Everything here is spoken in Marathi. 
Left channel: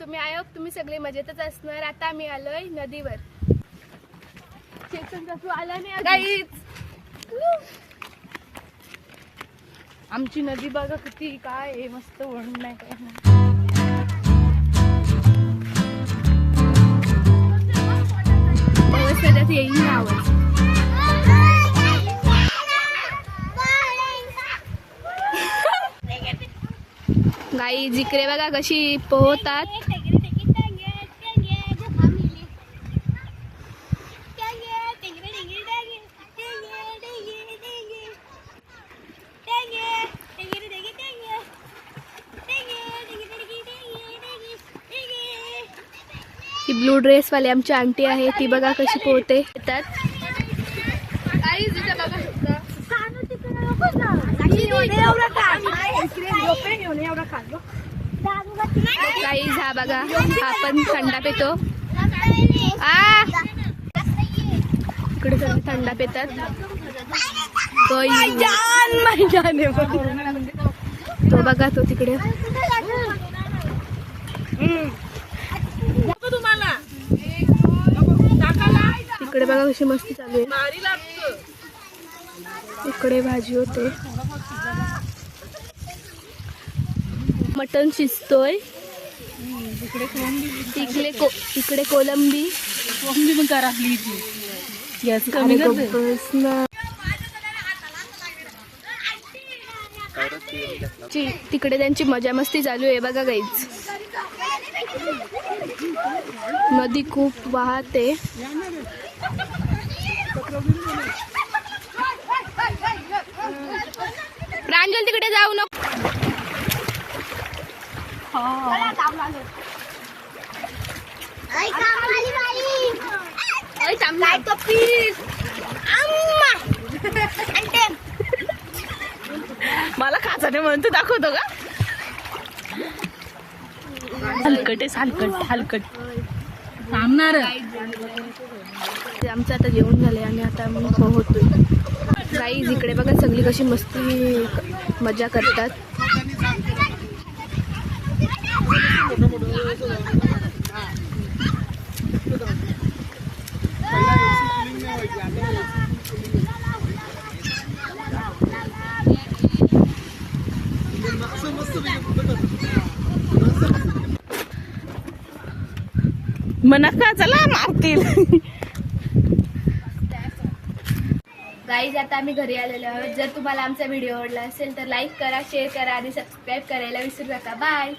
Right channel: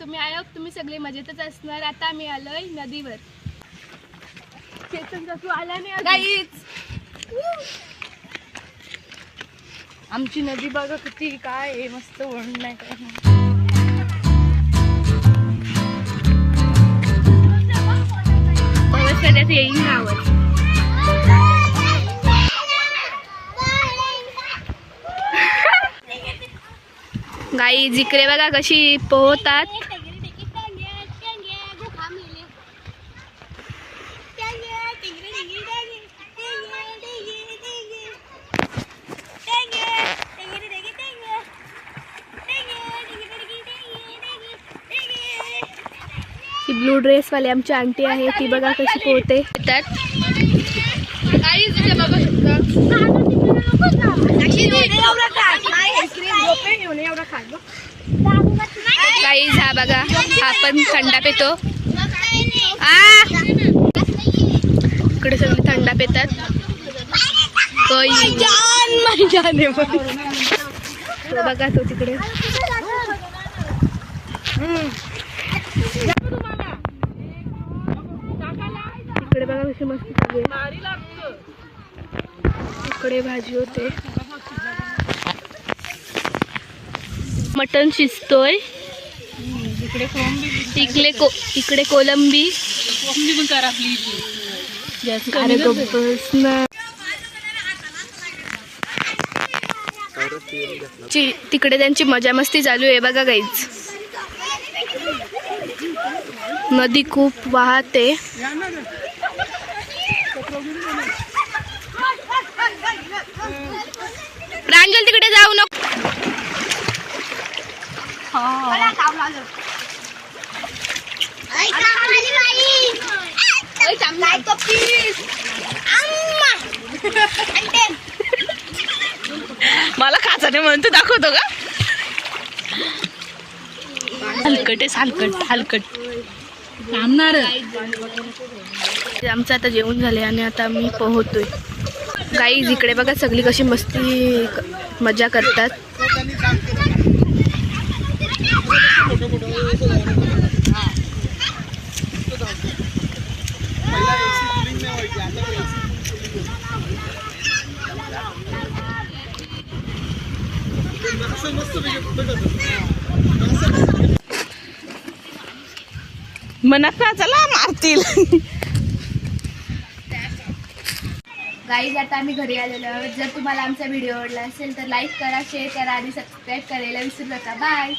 तुम्ही आयो तुम्ही सगळे मजेतच असणार. आता आम्ही आलोय नदीवर. चेतन तू आला नाही काहीच आमची नदी बघा किती काय आहे मस्त वळण नाही काय नाही. पाऊस येईल ना गाई जिकडे बघा कशी पोहतात. ही ब्लू ड्रेस वाली आमची आंटी आहे ती बघा कशी पोहते. येतात काही झा बघा आपण थंडा पितो. आ! इकडे सगळे थंडा पितात. तो बघा तो तिकडे. इकडे बघा कशी मस्ती चालू आहे. इकडे भाजी होते. मटण शिजतोय. इकडे को इकडे कोलंबी तिकडे त्यांची मजा मस्ती चालू आहे बघा गाईच नदी खूप वाहते. प्रांजल तिकडे जाऊ नको. मला खाचाने म्हणतो दाखवतो का? हलकट आहे हलकट हलकट. थांबणार. आमचं आता जेवण झाले आणि आता आम्ही पोहतोय गाई इकडे बघा सगळी कशी मस्ती मजा करतात. मना चला मारतील. गाईज आता आम्ही घरी आलेलो आहोत. जर तुम्हाला आमचा व्हिडिओ आवडला असेल तर लाईक करा शेअर करा आणि सबस्क्राईब करायला विसरू नका. बाय